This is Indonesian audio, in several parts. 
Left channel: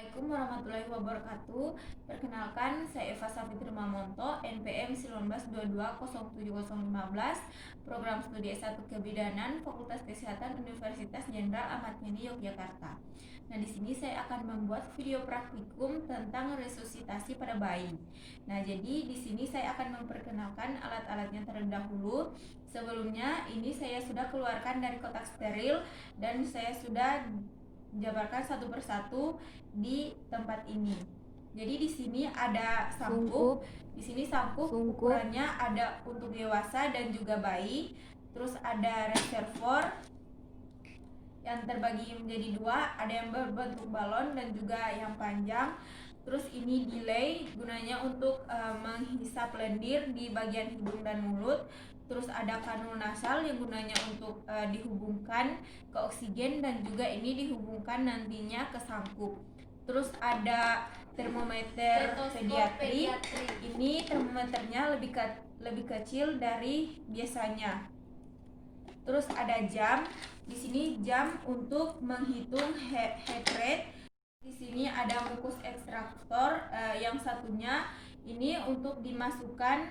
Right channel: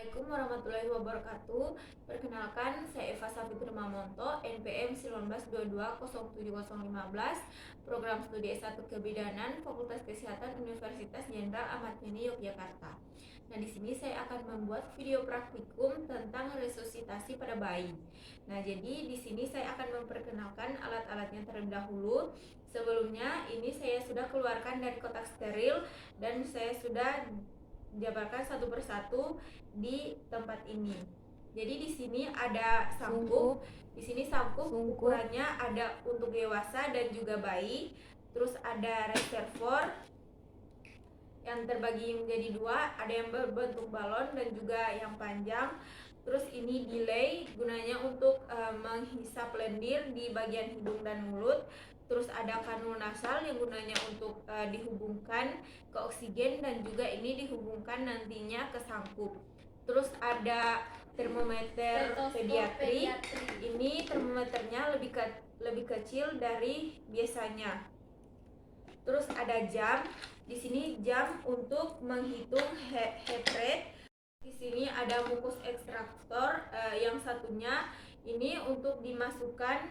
Assalamualaikum warahmatullahi wabarakatuh. Perkenalkan, saya Eva Safitri Mamonto, NPM 19220715, Program Studi S1 Kebidanan, Fakultas Kesehatan Universitas Jenderal Ahmad Yani Yogyakarta. Nah, di sini saya akan membuat video praktikum tentang resusitasi pada bayi. Nah, jadi di sini saya akan memperkenalkan alat-alatnya terlebih dahulu. Sebelumnya, ini saya sudah keluarkan dari kotak steril dan saya sudah jabarkan satu persatu di tempat ini. Jadi di sini ada sangkup. Di sini sangkup ukurannya ada untuk dewasa dan juga bayi. Terus ada reservoir yang terbagi menjadi dua, ada yang berbentuk balon dan juga yang panjang. Terus ini delay gunanya untuk menghisap lendir di bagian hidung dan mulut. Terus ada kanul nasal yang gunanya untuk dihubungkan ke oksigen dan juga ini dihubungkan nantinya ke sangkup. Terus ada termometer pediatri. Ini termometernya lebih kecil dari biasanya. Terus ada jam. Di sini jam untuk menghitung heart rate. Di sini ada mukus ekstraktor, yang satunya ini untuk dimasukkan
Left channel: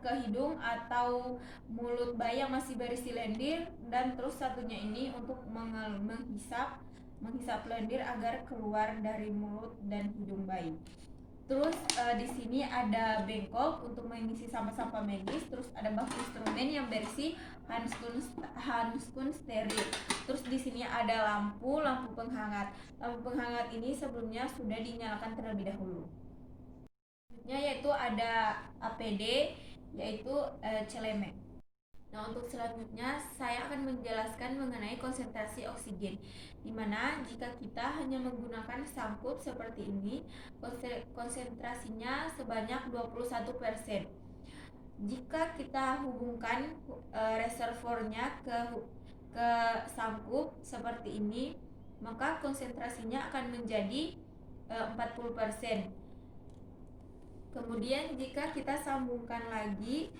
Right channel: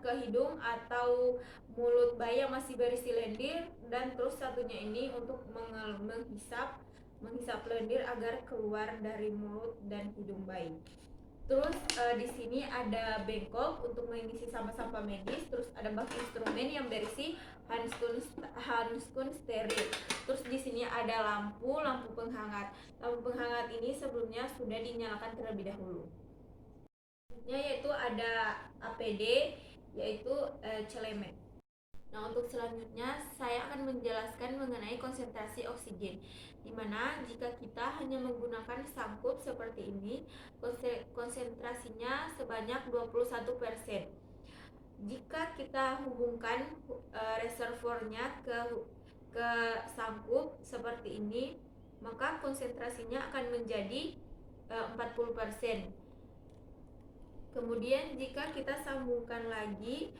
ke hidung atau mulut bayi yang masih berisi lendir, dan terus satunya ini untuk menghisap lendir agar keluar dari mulut dan hidung bayi. Terus di sini ada bengkok untuk mengisi sampah-sampah medis. Terus ada bak instrumen yang berisi handskun steril. Terus di sini ada lampu penghangat. Lampu penghangat ini sebelumnya sudah dinyalakan terlebih dahulu. Selanjutnya yaitu ada APD, yaitu celemek. Nah, untuk selanjutnya saya akan menjelaskan mengenai konsentrasi oksigen, di mana jika kita hanya menggunakan sangkup seperti ini, konsentrasinya sebanyak 21%. Jika kita hubungkan reservoirnya ke sangkup seperti ini, maka konsentrasinya akan menjadi 40%. Kemudian jika kita sambungkan lagi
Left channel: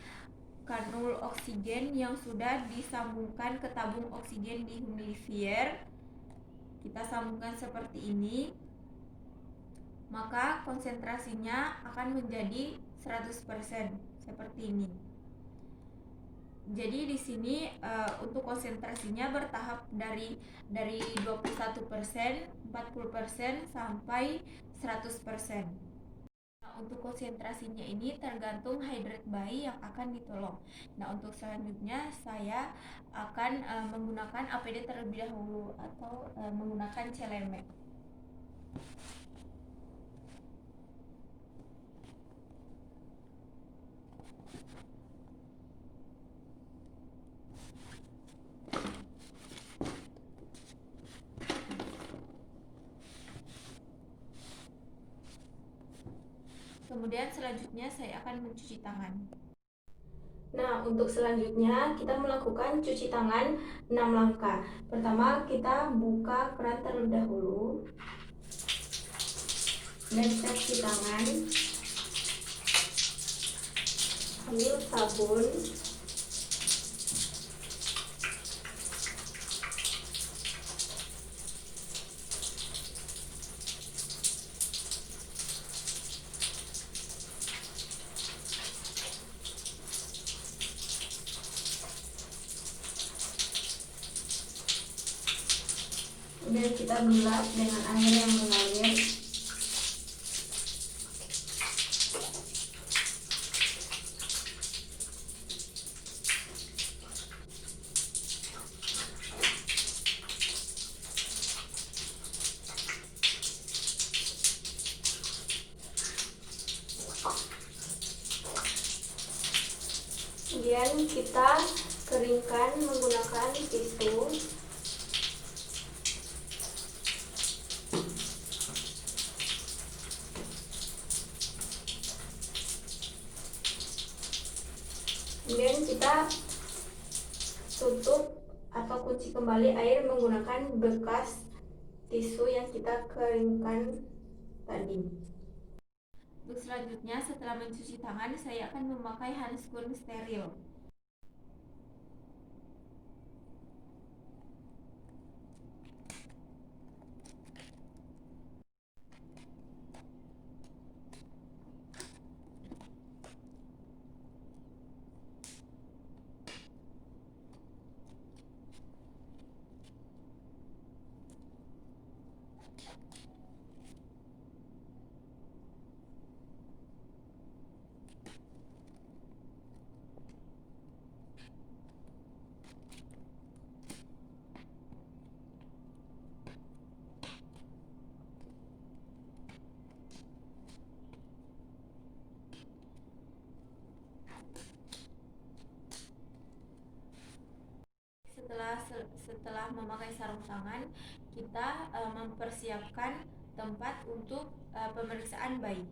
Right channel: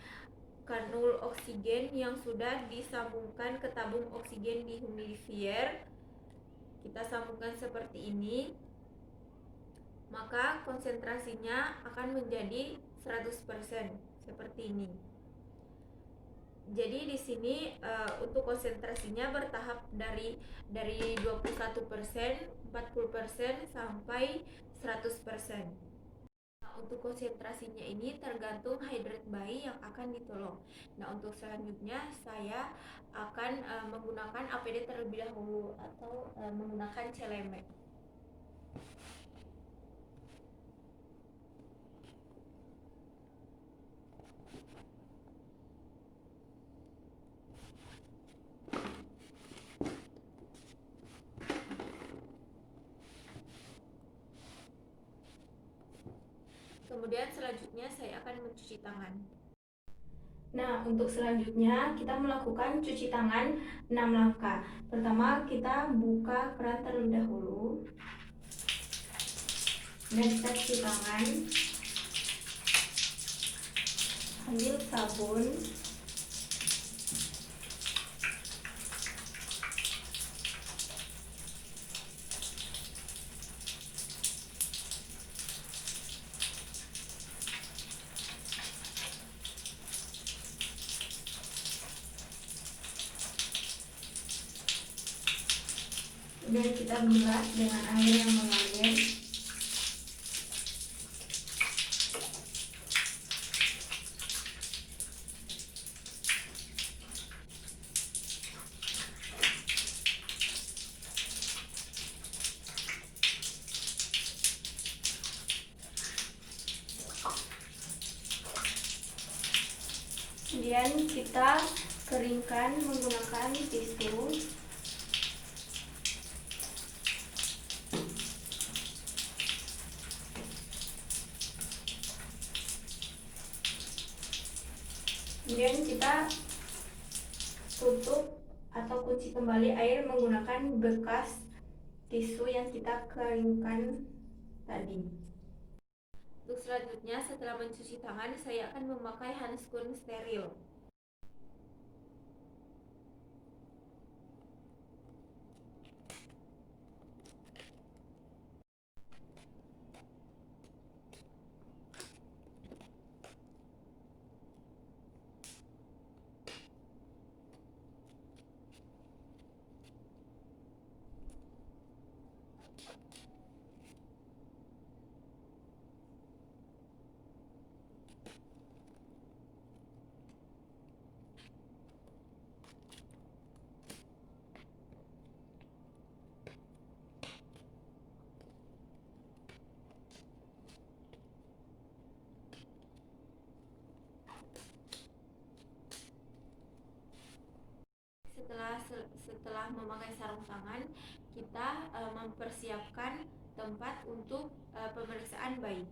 kanul oksigen yang sudah disambungkan ke tabung oksigen di humidifier, kita sambungkan seperti ini, maka konsentrasinya akan menjadi 100% seperti ini. Jadi di sini untuk konsentrasinya bertahap dari 21%, 40% sampai 100%. Untuk konsentrasinya ini tergantung hidrat bayi yang akan ditolong. Nah, untuk selanjutnya saya akan menggunakan APD terlebih dahulu atau menggunakan celemek. Kemudian selanjutnya saya akan mencuci tangan. Nah, untuk selanjutnya kita melakukan cuci tangan 6 langkah. Pertama, kita buka keran terlebih dahulu. Dan kita cuci tangan. Ambil sabun. Dan kita bilas dengan air yang mengalir. Kemudian kita keringkan menggunakan tisu. Kemudian kita tutup atau kunci kembali air menggunakan bekas tisu yang kita keringkan tadi. Untuk selanjutnya, setelah mencuci tangan, saya akan memakai handskun steril. Setelah memakai sarung tangan, kita mempersiapkan tempat untuk pemeriksaan bayi.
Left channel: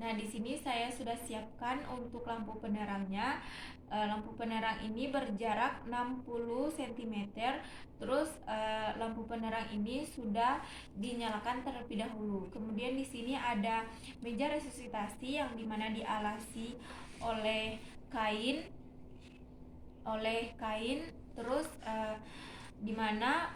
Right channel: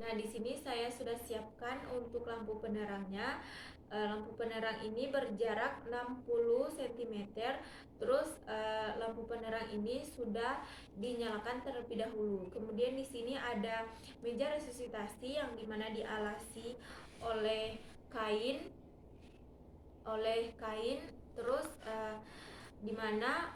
Nah, di sini saya sudah siapkan untuk lampu penerangnya. Lampu penerang ini berjarak 60 cm. Terus lampu penerang ini sudah dinyalakan terlebih dahulu. Kemudian di sini ada meja resusitasi yang dimana dialasi oleh kain, terus dimana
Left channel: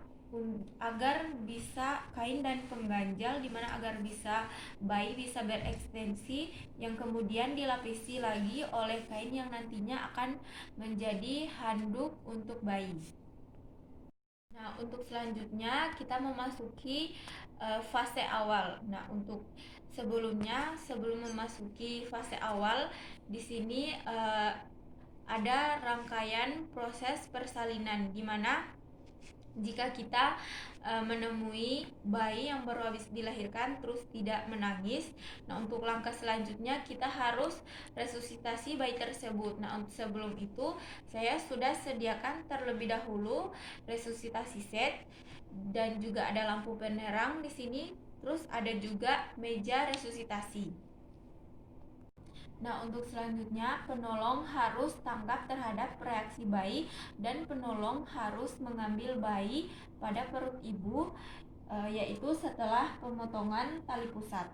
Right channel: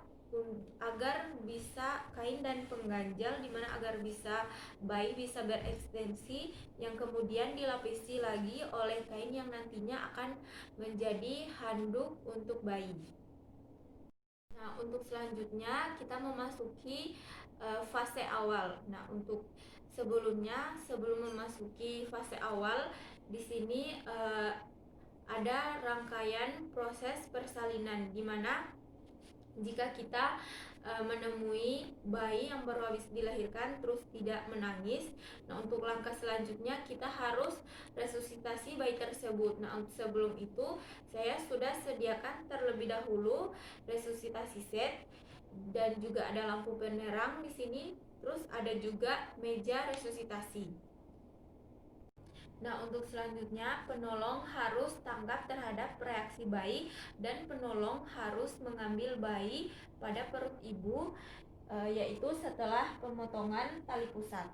agar bisa kain dan pengganjal, dimana agar bisa bayi bisa berekstensi, yang kemudian dilapisi lagi oleh kain yang nantinya akan menjadi handuk untuk bayi. Nah, untuk selanjutnya kita memasuki fase awal. Nah, untuk sebelum memasuki fase awal, di sini ada rangkaian proses persalinan, di mana jika kita menemui bayi yang baru habis dilahirkan terus tidak menangis, nah untuk langkah selanjutnya kita harus resusitasi bayi tersebut. Nah, sebelum itu saya sudah sediakan terlebih dahulu resusitasi set dan juga ada lampu penerang di sini, terus ada juga meja resusitasi. Nah, untuk selanjutnya penolong harus tanggap terhadap reaksi bayi dan penolong harus mengambil bayi pada perut ibu, yaitu setelah pemotongan tali pusat.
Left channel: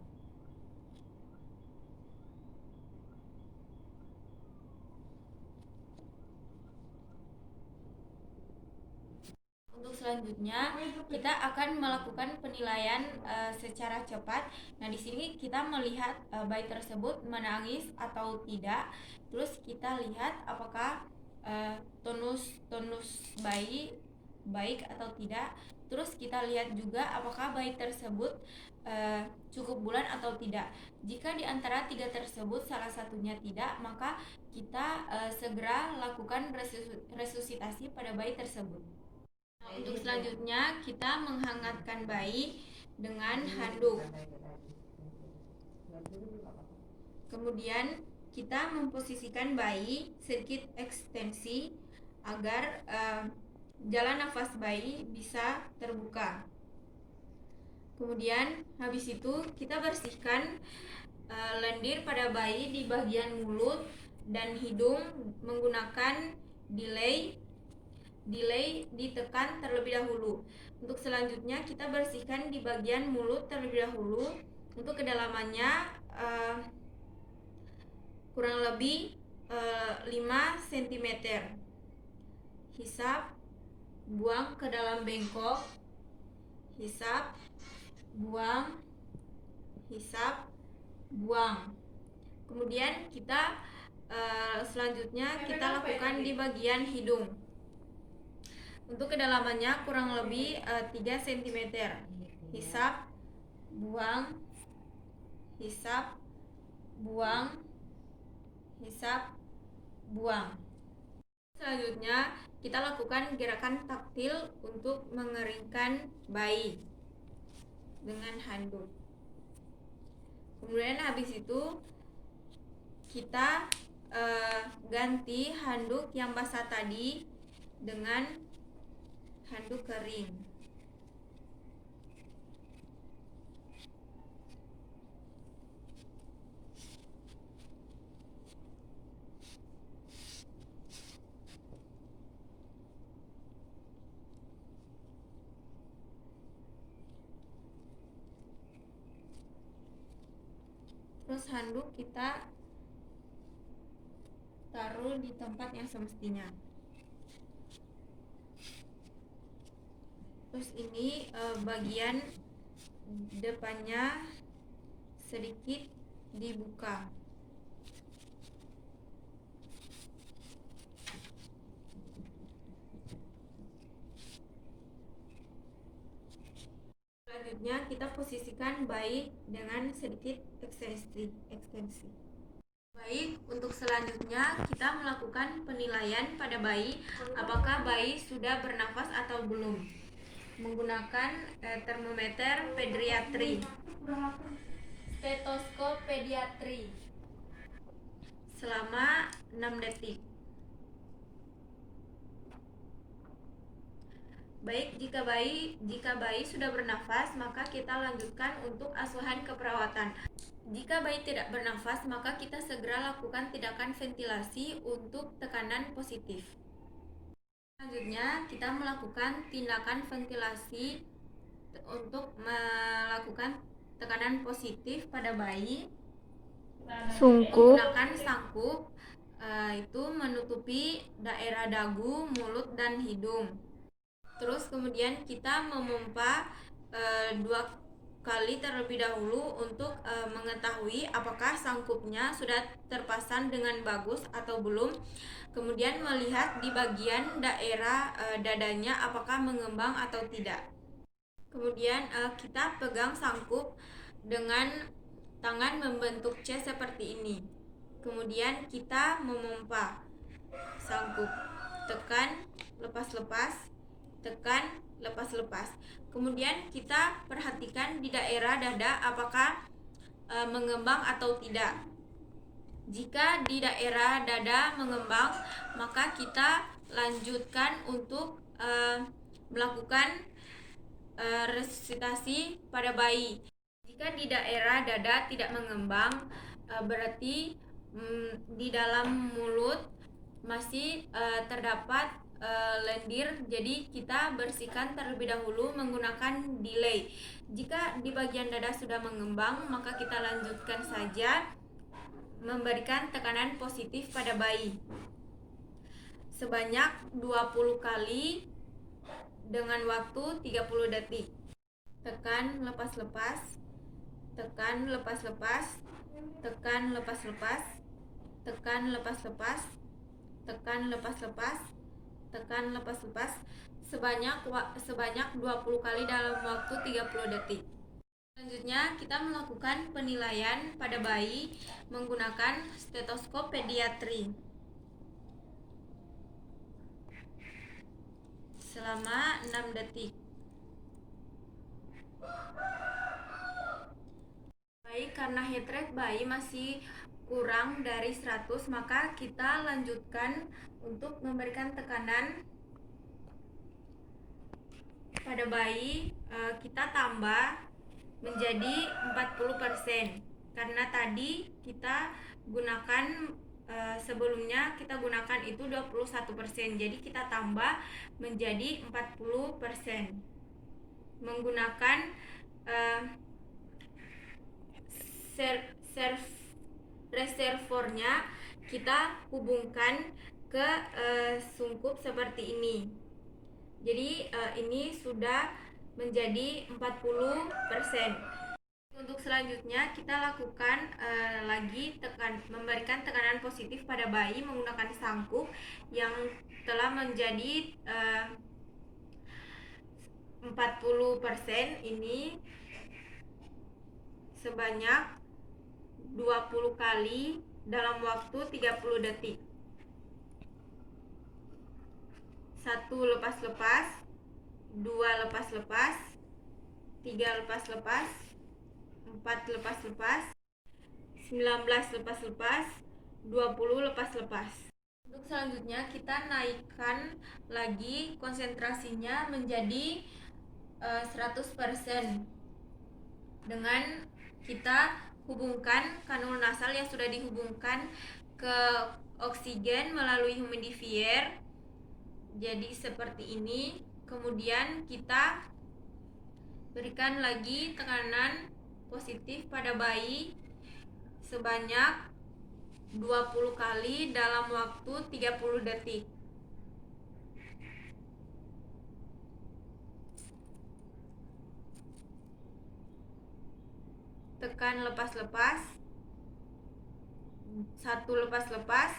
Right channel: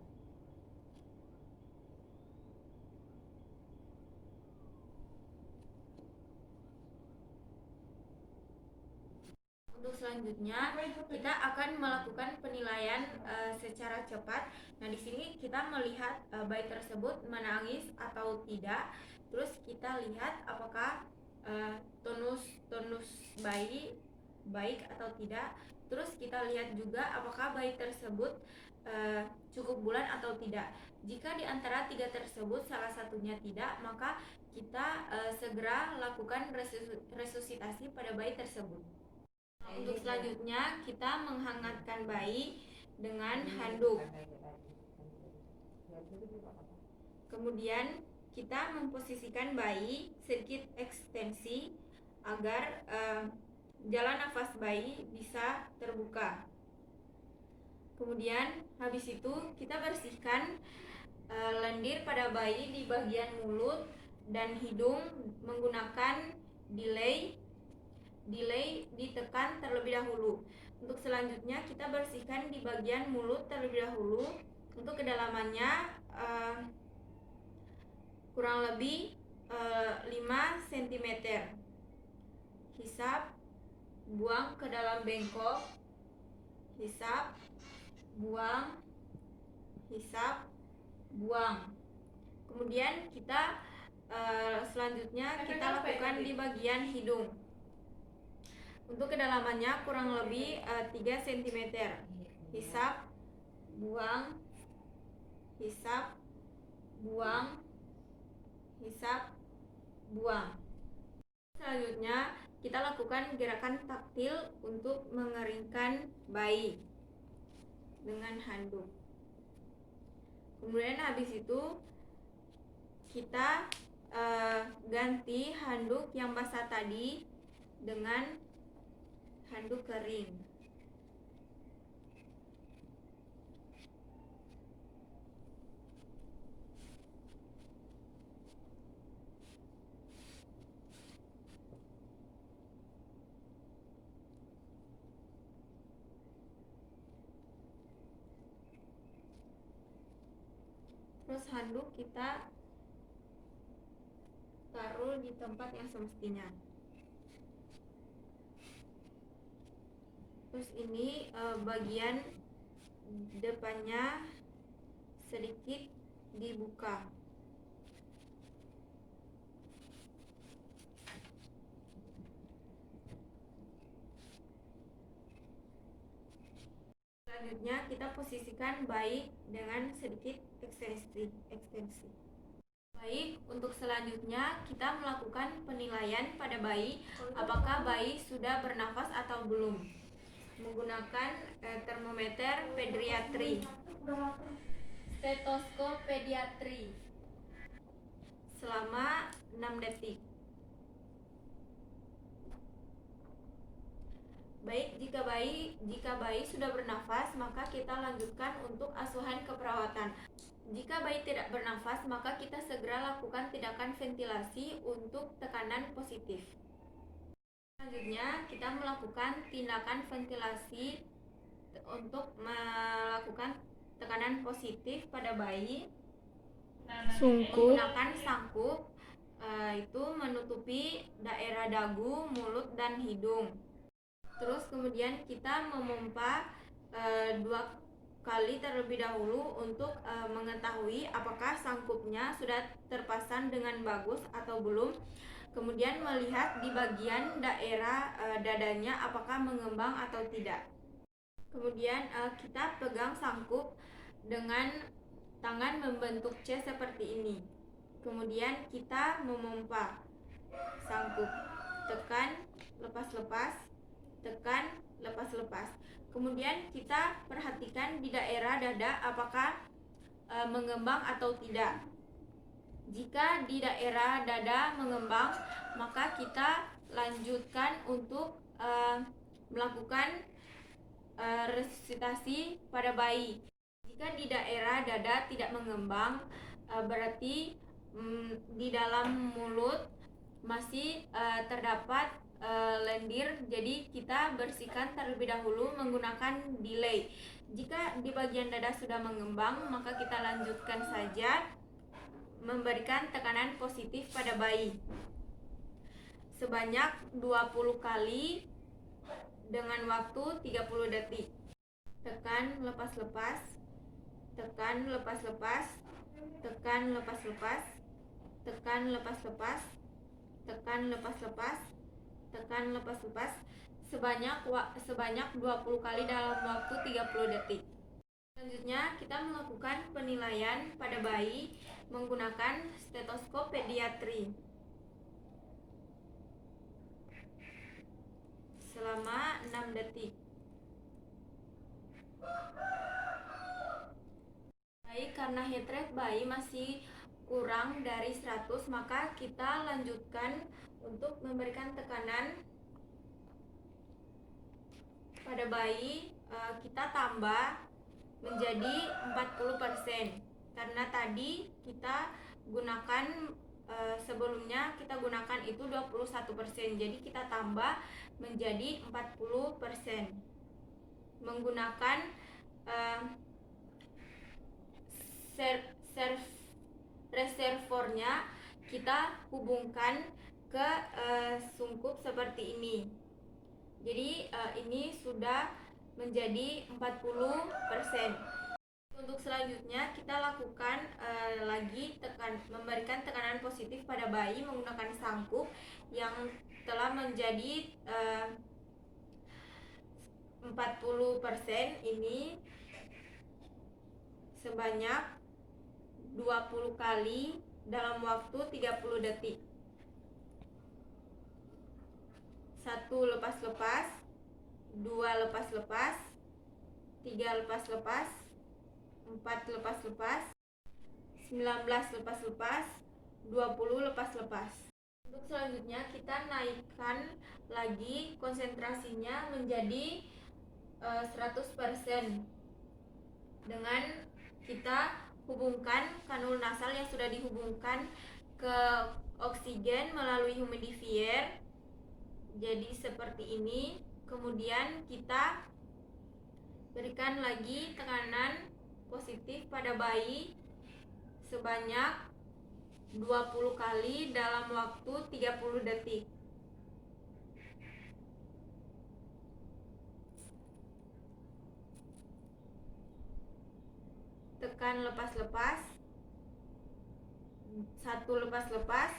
Untuk selanjutnya kita akan melakukan penilaian secara cepat. Nah, di sini kita melihat bayi tersebut menangis atau tidak. Terus kita lihat apakah tonus bayi baik atau tidak. Terus kita lihat juga apakah bayi tersebut cukup bulan atau tidak. Jika di antara tiga tersebut salah satunya tidak, maka kita segera lakukan resusitasi pada bayi tersebut. Untuk selanjutnya kita menghangatkan bayi dengan handuk. Kemudian kita memposisikan bayi sedikit ekstensi agar jalan nafas bayi bisa terbuka. Kemudian habis itu kita bersihkan lendir pada bayi di bagian mulut dan hidung menggunakan delay ditekan terlebih dahulu. Untuk selanjutnya kita bersihkan di bagian mulut terlebih dahulu. Untuk kedalamannya kurang lebih 5 cm. Hisap, buang ke dalam bengkok. Hisap, buang. Hisap, buang. Kemudian kita selanjutnya kita lakukan di bagian hidung. Untuk kedalamannya kurang lebih 3 cm. Hisap, buang. Hisap, buang. Hisap, buang. Selanjutnya kita lakukan gerakan taktil untuk mengeringkan bayi dengan handuk. Kemudian habis itu kita ganti handuk yang basah tadi dengan handuk kering. Terus handuk kita taruh di tempat yang semestinya. Terus ini bagian depannya sedikit dibuka. Selanjutnya kita posisikan bayi dengan sedikit ekstensi. Baik, untuk selanjutnya kita melakukan penilaian pada bayi apakah bayi sudah bernafas atau belum menggunakan termometer pediatri, stetoskop pediatri selama 6 detik. Baik, jika bayi sudah bernafas, maka kita lanjutkan untuk asuhan keperawatan. Jika bayi tidak bernafas, maka kita segera lakukan tindakan ventilasi untuk tekanan positif. Selanjutnya, kita melakukan tindakan ventilasi untuk melakukan tekanan positif pada bayi. Menggunakan sangkup itu menutupi daerah dagu, mulut, dan hidung. Terus kemudian kita memompa 2 kali terlebih dahulu untuk mengetahui apakah sangkupnya sudah terpasang dengan bagus atau belum. Kemudian melihat di bagian daerah dadanya apakah mengembang atau tidak. Kemudian kita pegang sangkup dengan tangan membentuk C seperti ini. Kemudian kita memompa sangkup, tekan, lepas-lepas, tekan, lepas-lepas. Kemudian kita perhatikan di daerah dada apakah mengembang atau tidak. Jika di daerah dada mengembang, maka kita lanjutkan untuk melakukan resusitasi pada bayi. Jika di daerah dada tidak mengembang, berarti di dalam mulut masih terdapat lendir, jadi kita bersihkan terlebih dahulu menggunakan delay. Jika di bagian dada sudah mengembang, maka kita lanjutkan saja memberikan tekanan positif pada bayi sebanyak 20 kali dengan waktu 30 detik. Tekan, lepas-lepas, tekan, lepas-lepas, tekan, lepas-lepas, tekan, lepas-lepas, tekan, lepas-lepas, tekan, lepas-lepas sebanyak 20 kali dalam waktu 30 detik. Selanjutnya kita melakukan penilaian pada bayi menggunakan stetoskop pediatri selama 6 detik. Baik, karena heart rate bayi masih kurang dari 100, maka kita lanjutkan untuk memberikan tekanan pada bayi. Kita tambah menjadi 40%, karena tadi kita gunakan sebelumnya kita gunakan itu 21%, jadi kita tambah menjadi 40%. Menggunakan reservornya kita hubungkan ke sungkup seperti ini. Jadi ini sudah menjadi 40%. Untuk selanjutnya kita lakukan lagi memberikan tekanan positif pada bayi menggunakan sangkup yang telah menjadi 40% ini sebanyak 20 kali dalam waktu 30 detik. 1 lepas-lepas, 2 lepas-lepas, 3 lepas-lepas, 4 lepas-lepas, 19 lepas-lepas, 20 lepas-lepas. Untuk selanjutnya kita naikkan lagi konsentrasinya menjadi 100% dengan kita hubungkan kanul nasal yang sudah dihubungkan ke oksigen melalui humidifier. Jadi seperti ini. Kemudian kita berikan lagi tekanan positif pada bayi sebanyak 20 kali dalam waktu 30 detik. Tekan lepas-lepas, 1 lepas-lepas,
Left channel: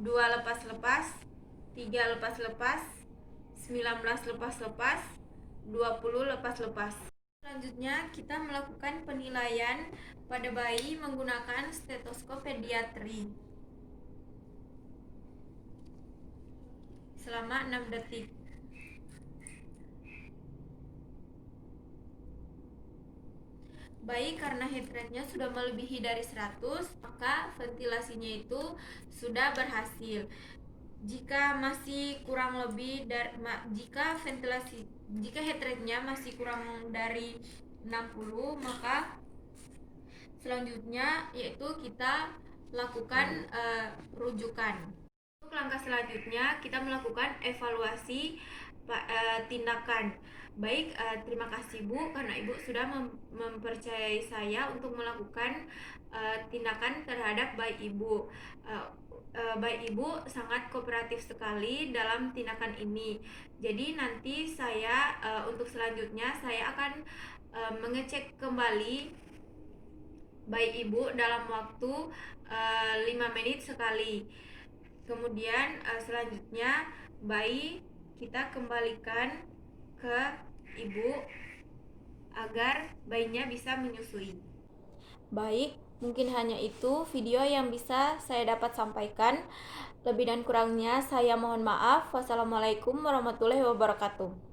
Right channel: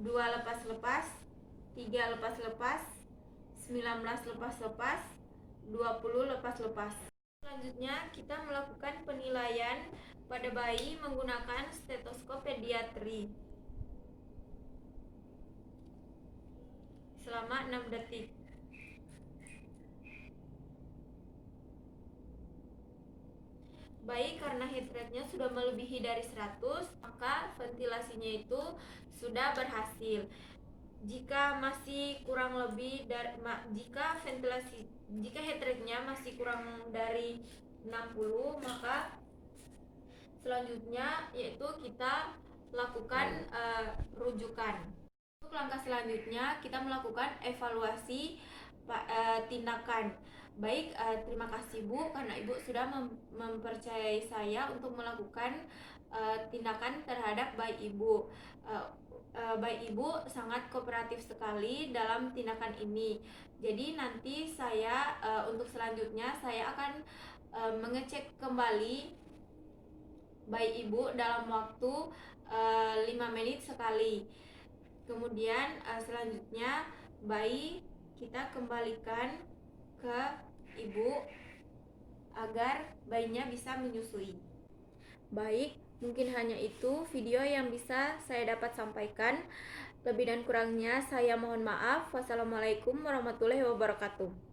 2 lepas-lepas, 3 lepas-lepas, 19 lepas-lepas, 20 lepas-lepas. Selanjutnya, kita melakukan penilaian pada bayi menggunakan stetoskop pediatri selama 6 detik. Bayi karena heart rate-nya sudah melebihi dari 100, maka ventilasinya itu sudah berhasil. Jika masih kurang lebih dari jika heart rate-nya masih kurang dari 60, maka selanjutnya yaitu kita lakukan rujukan. Untuk langkah selanjutnya kita melakukan evaluasi tindakan. Baik, terima kasih Bu karena Ibu sudah mempercayai saya untuk melakukan tindakan terhadap bayi Ibu. Bayi Ibu sangat kooperatif sekali dalam tindakan ini. Jadi nanti saya untuk selanjutnya saya akan mengecek kembali bayi Ibu dalam waktu 5 menit sekali. Kemudian selanjutnya bayi kita kembalikan ke ibu agar bayinya bisa menyusui. Baik, mungkin hanya itu video yang bisa saya dapat sampaikan. Lebih dan kurangnya saya mohon maaf. Wassalamualaikum warahmatullahi wabarakatuh.